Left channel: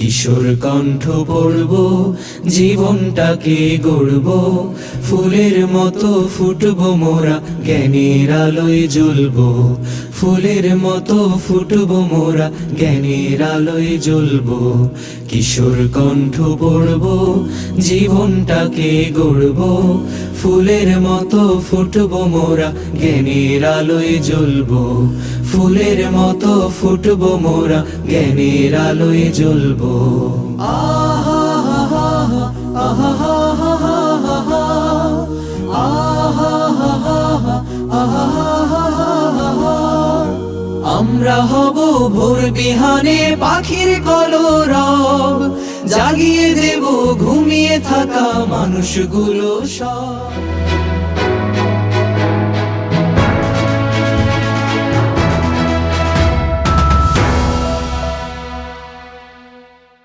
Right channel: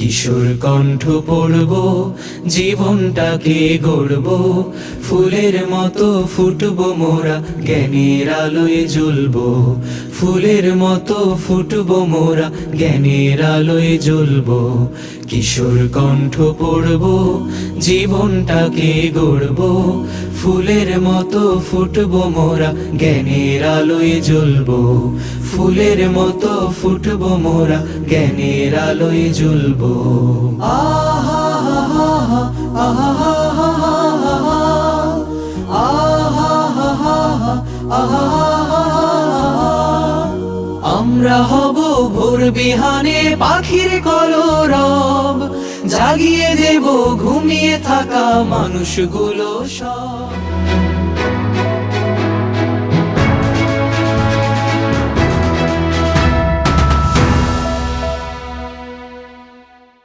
কিশোর কণ্ঠ পড়ব, জীবনটাকে গড়ব, ফুলের মতো ফুটবো মোরা, জ্ঞানের আলোয় জ্বলবো। ফুলের মতো ফুটবো মোরা, জ্ঞানের আলোয় জ্বলবো। কিশোর কণ্ঠ পড়ব, জীবনটাকে গড়ব, ফুলের মতো ফুটবো মোরা, জ্ঞানের আলোয় জ্বলবো। ফুলের মতো ফুটবো মোরা, জ্ঞানের আলোয় জ্বলবো। আমরা হব ভোর বিহানে পাখির কলরব, জাগিয়ে দেব ঘুমিয়ে থাকা মানুষগুলো সব।